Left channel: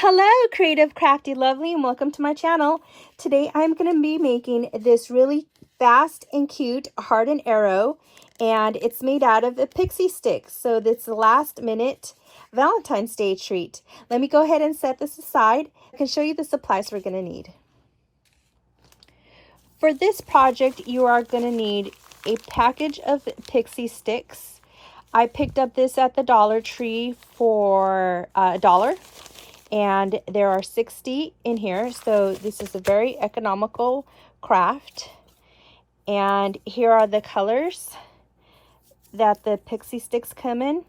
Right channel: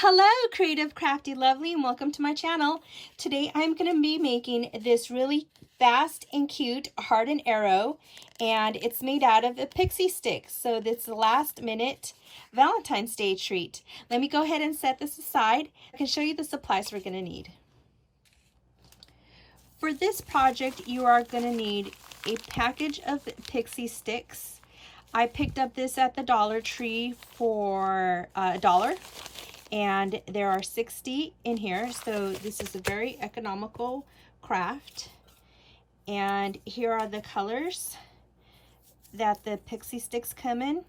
Hello, creative, crafty, lovely, and welcome to my channel. Today I'm going to be making this really fast and cute heart and arrow, and it's made out of a Pixy Stix. So this is the last minute Valentine's Day treat. Let me go ahead and set this aside. I can show you the supplies we're going to need. For this project, you are going to need a package of Pixy Stix. I picked up this at the Dollar Tree for $1. And there are 60 in here, so this is a very economical craft. And here are the colors that the Pixy Stix come in.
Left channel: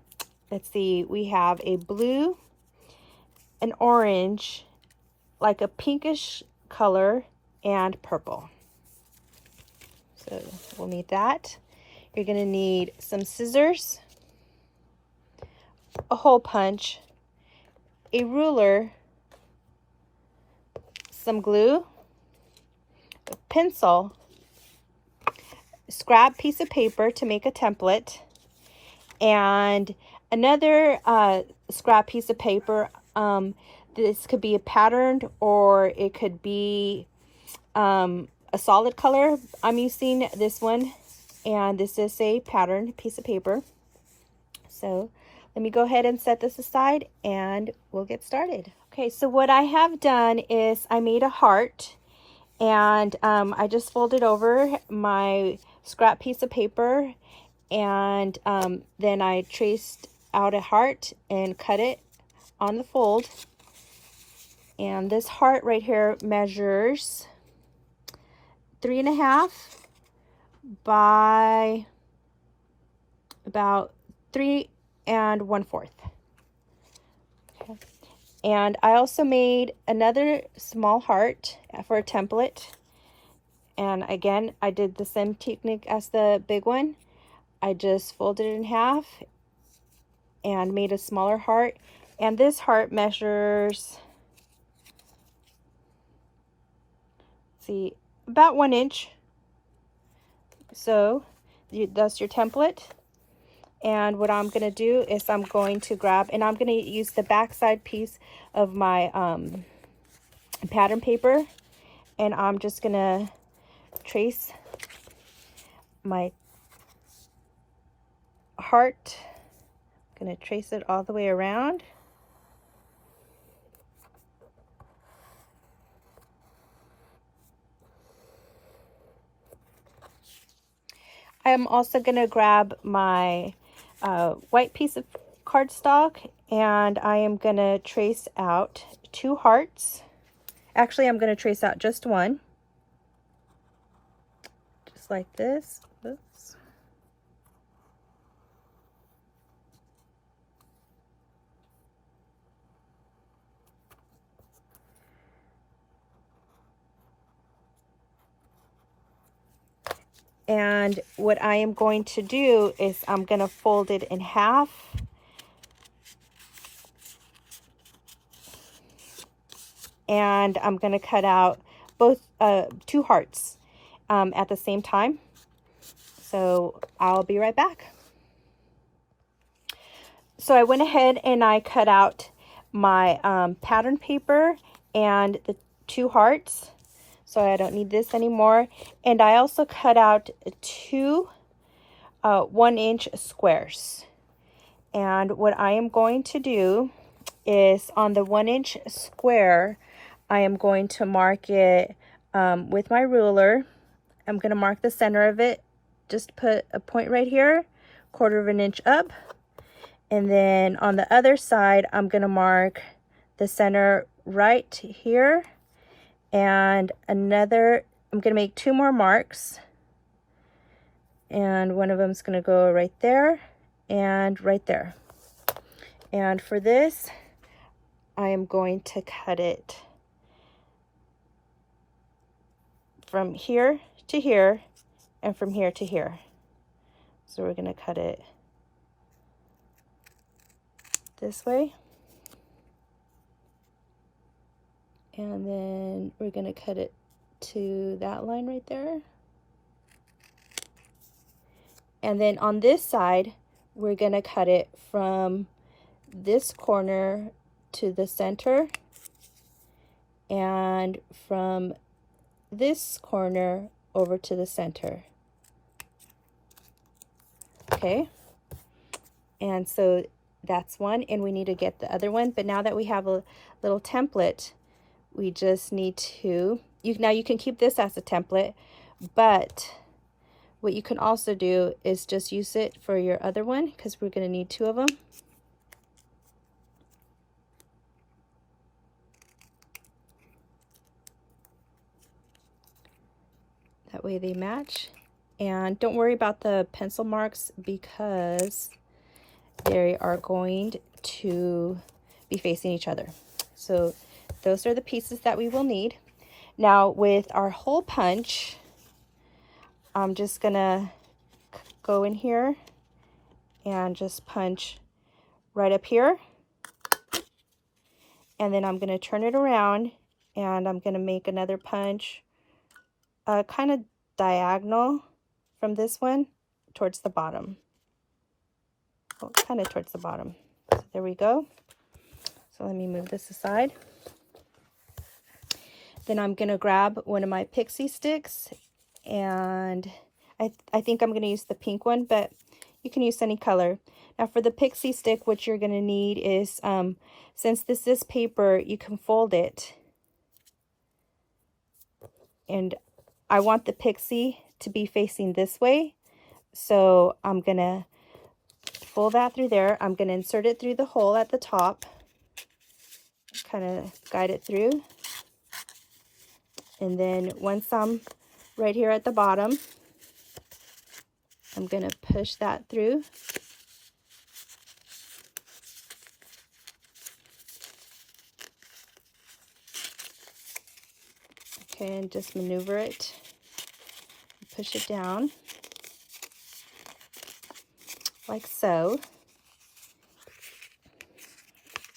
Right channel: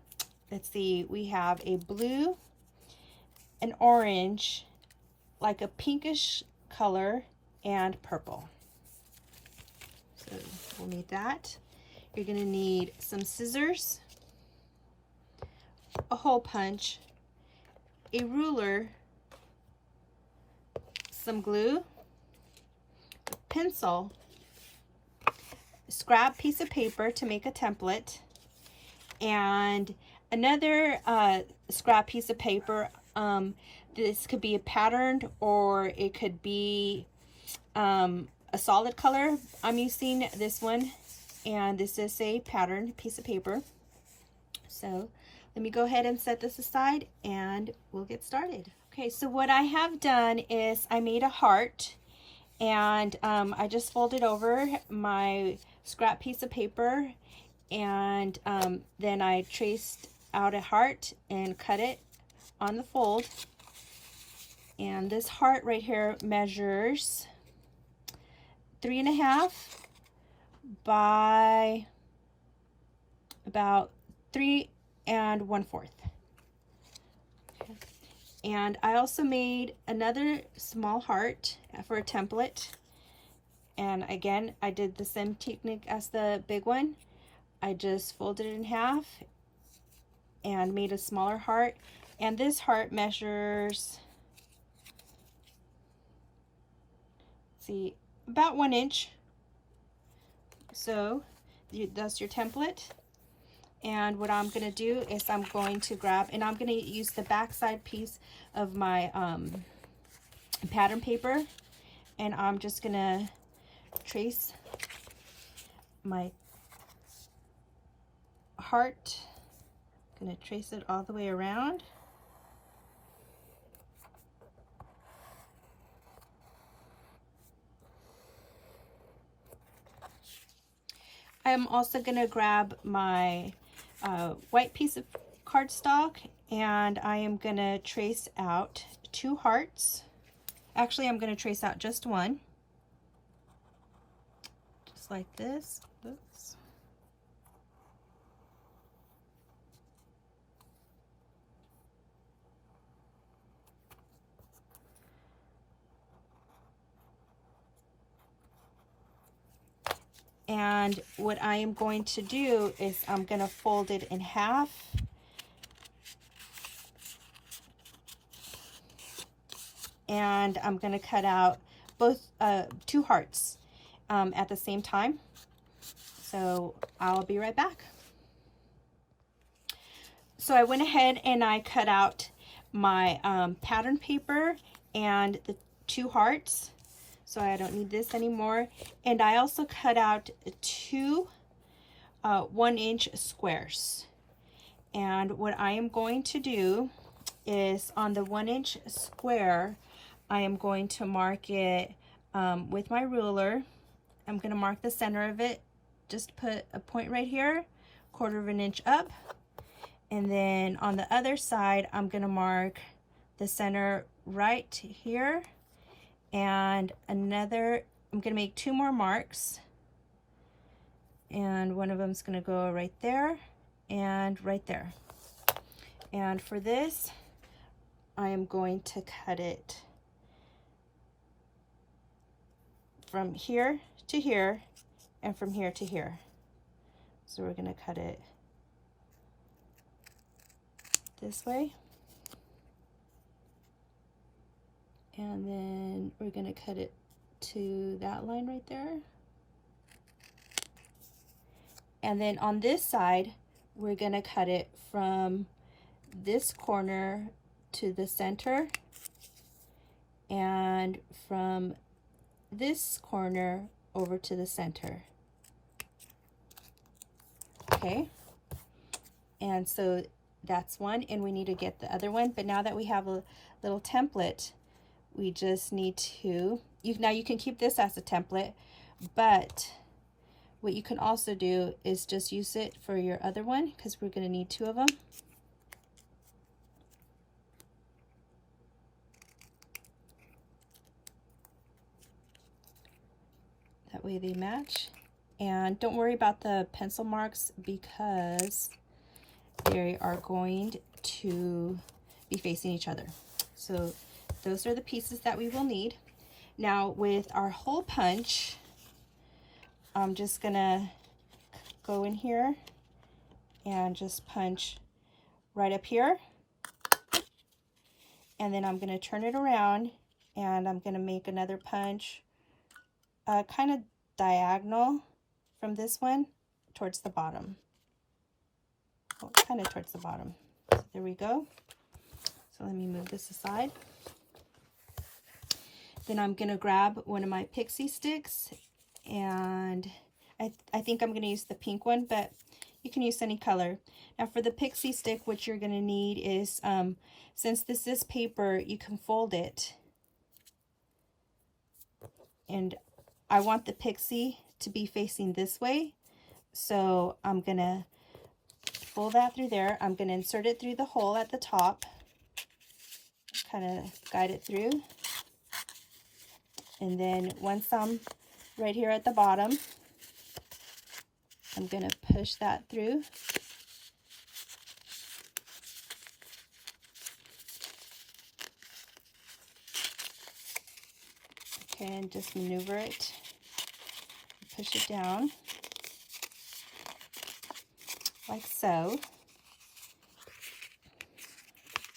Let's see, we have a blue, an orange, like a pinkish color, and purple. So we'll need that. You're gonna need some scissors, a hole punch, a ruler, some glue, a pencil, a scrap piece of paper to make a template, and another scrap piece of paper. This could be a patterned or it could be a solid color. I'm using this one, and this is a patterned piece of paper. So let me go ahead and set this aside and we'll get started. Okay, so what I have done is I made a heart, and I just folded over my scrap piece of paper, and then I traced out a heart and cut it on the fold. And this heart right here measures 3.5 by about 3 1/4. Okay. And I also made another small heart for a template, and again I did the same technique as the big one. I just folded it in half and made a smaller heart, and this heart measures, see, about 1 inch. So that's your template. And what I'm going to do is I'm going to grab, and I'm going to use the backside piece of my pattern paper, and I'm just going to trace my heart. I'm going to trace it all the way around. I'm also going to grab my white piece of cardstock, and I am going to trace out 2 hearts. Actually, I'm going to trace out just one, just like this. Oops. And what I am going to do is I'm going to fold it in half, and I'm going to cut out both 2 hearts at the same time. So I'll be right back. So I went ahead and I cut out my pattern paper and the 2 hearts. So I don't need this anymore. And I also cut out 2 1-inch squares. And what I am going to do is on the 1-inch square, I am going to mark it with my ruler. I'm going to mark the center of it. Just put a point right here, 1/4 inch up. And then on the other side, I'm going to mark the center right here. And another, I'm going to make 2 more marks, and one of them is going to go right there and right there. And for this, I am going to cut it from here to here and from here to here. So we're going to cut it this way. And then we're going to cut it to that line right there. And then on this side, we're going to cut it from this corner to the center and from this corner over to the center. Okay, and so that's one, and we need to get the other one. But now that we have a little template, we just need to, now you can keep this as a template, but what you can also do is just use it for your other one, because we're going to need 2 of them. That way they match. And don't worry about the pencil marks, because they are going to be facing each other. So those are the pieces that we will need. Now with our hole punch, I'm just gonna go in here and just punch right up here. And then I'm gonna turn it around and I'm gonna make another punch kind of diagonal from this one towards the bottom. Oh, kind of towards the bottom. So there we go. So let me move this aside. Then I'm gonna grab one of my Pixy Stix, and I think I'm gonna use the pink one, but you can use any color. Now for the Pixy stick, what you're gonna need is, since this is paper, you can fold it. And I want the Pixy to be facing this way, so I'm gonna fold that through there. I'm gonna insert it through the hole at the top, kind of guide it through. And then once I'm right here at the bottom, I'm gonna push that through. Okay, and just maneuver it, push it down, like so.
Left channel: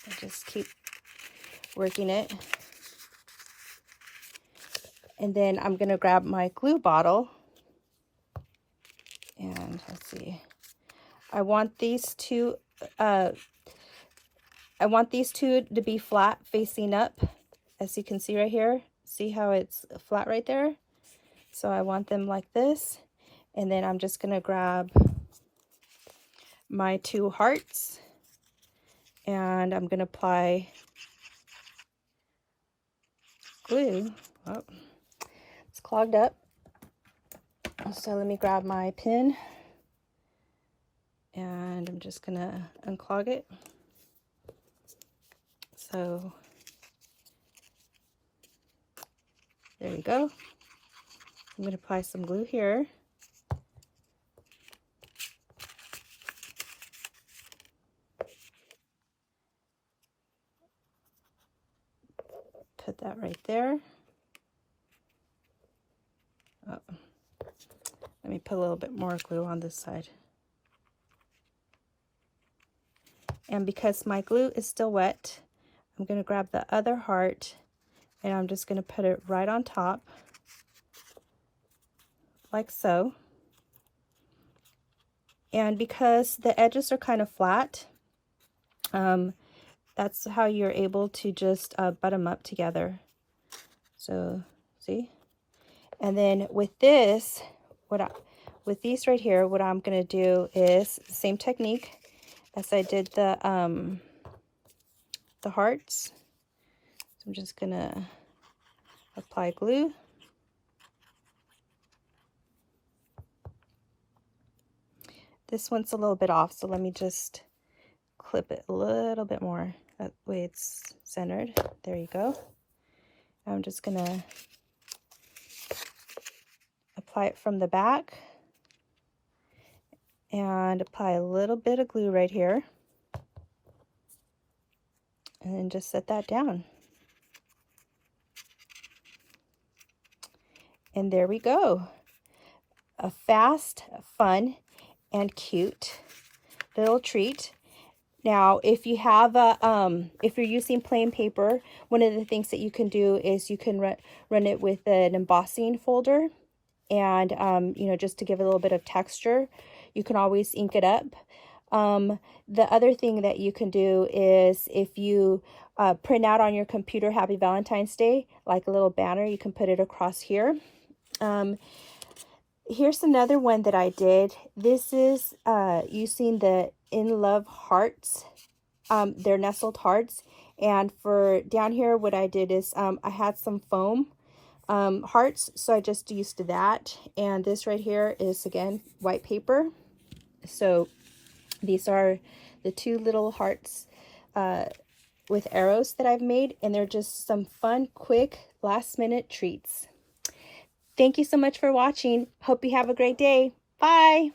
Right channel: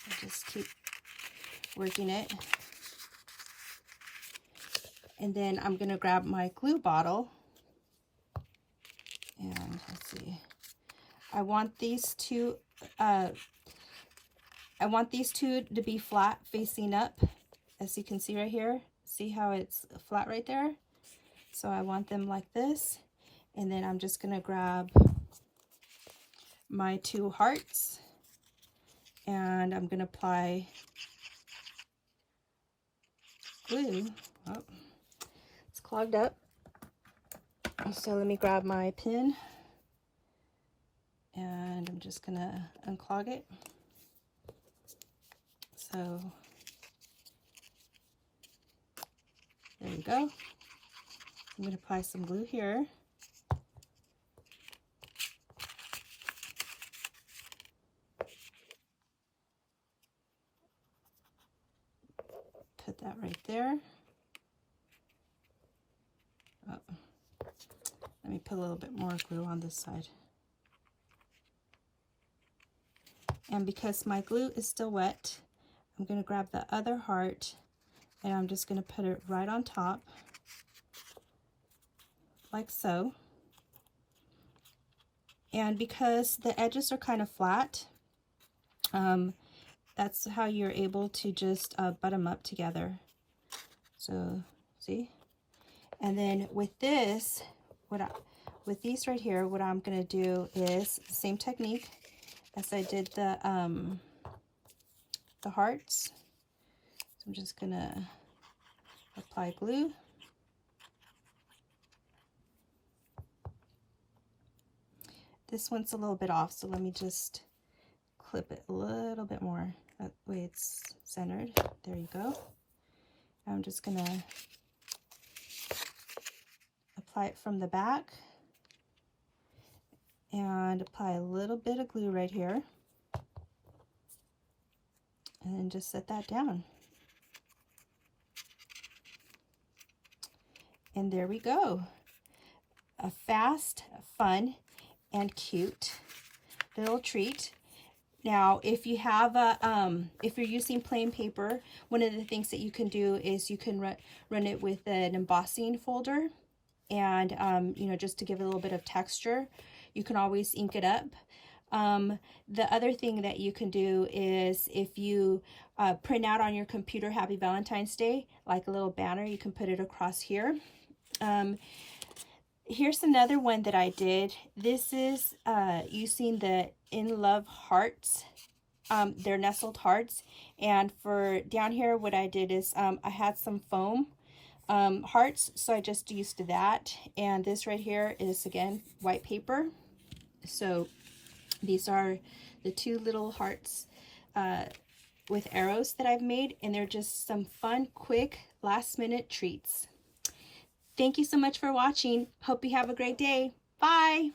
I just keep working it. And then I'm gonna grab my glue bottle, and let's see, I want these two to be flat facing up, as you can see right here. See how it's flat right there? So I want them like this. And then I'm just gonna grab my 2 hearts, and I'm gonna apply glue. Oh, it's clogged up. So let me grab my pin, and I'm just gonna unclog it. So there you go. I'm gonna apply some glue here. Put that right there. Oh. Let me put a little bit more glue on this side. And because my glue is still wet, I'm going to grab the other heart, and I'm just going to put it right on top, like so. And because the edges are kind of flat, that's how you're able to just butt them up together. So, see? And then with this, with these right here, what I'm gonna do is the same technique as I did the hearts. So I'm just gonna apply glue. This one's a little bit off, so let me just clip it a little bit more. That way it's centered. There you go. I'm just gonna apply it from the back and apply a little bit of glue right here, and then just set that down. And there we go. A fast, fun, and cute little treat. Now, if you have if you're using plain paper, one of the things that you can do is you can run it with an embossing folder, and you know, just to give it a little bit of texture. You can always ink it up. The other thing that you can do is, if you print out on your computer Happy Valentine's Day, like a little banner. You can put it across here. Here's another one that I did. This is using the In Love hearts. They're nestled hearts. And for down here, what I did is I had some foam hearts, so I just used that. And this right here is, again, white paper. So these are the two little hearts with arrows that I've made, and they're just some fun, quick, last-minute treats. Thank you so much for watching. Hope you have a great day. Bye!